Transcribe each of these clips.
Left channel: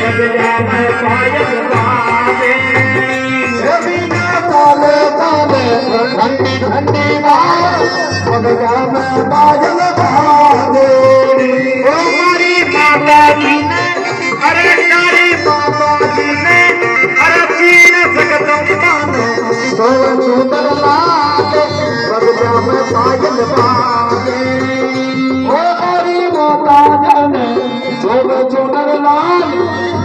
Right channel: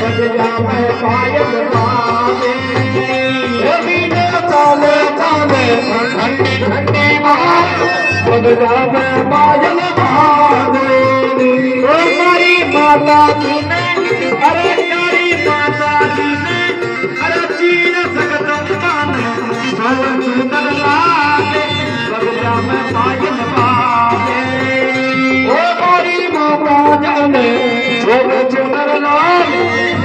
बगजा में पायल बाजे बिना ताले ताले ठंडी ठंडी बात बगजा में पायल बाजे हमारी माता जी ने अरे नारी माता जी ने अरे तीन जगत माने दो सुंदर लागे बगजा में पायल बाजे ओ हमारी माता जाने जो सुंदर लाल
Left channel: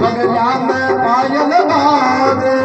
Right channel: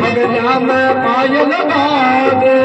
बगजा में पायल बाजे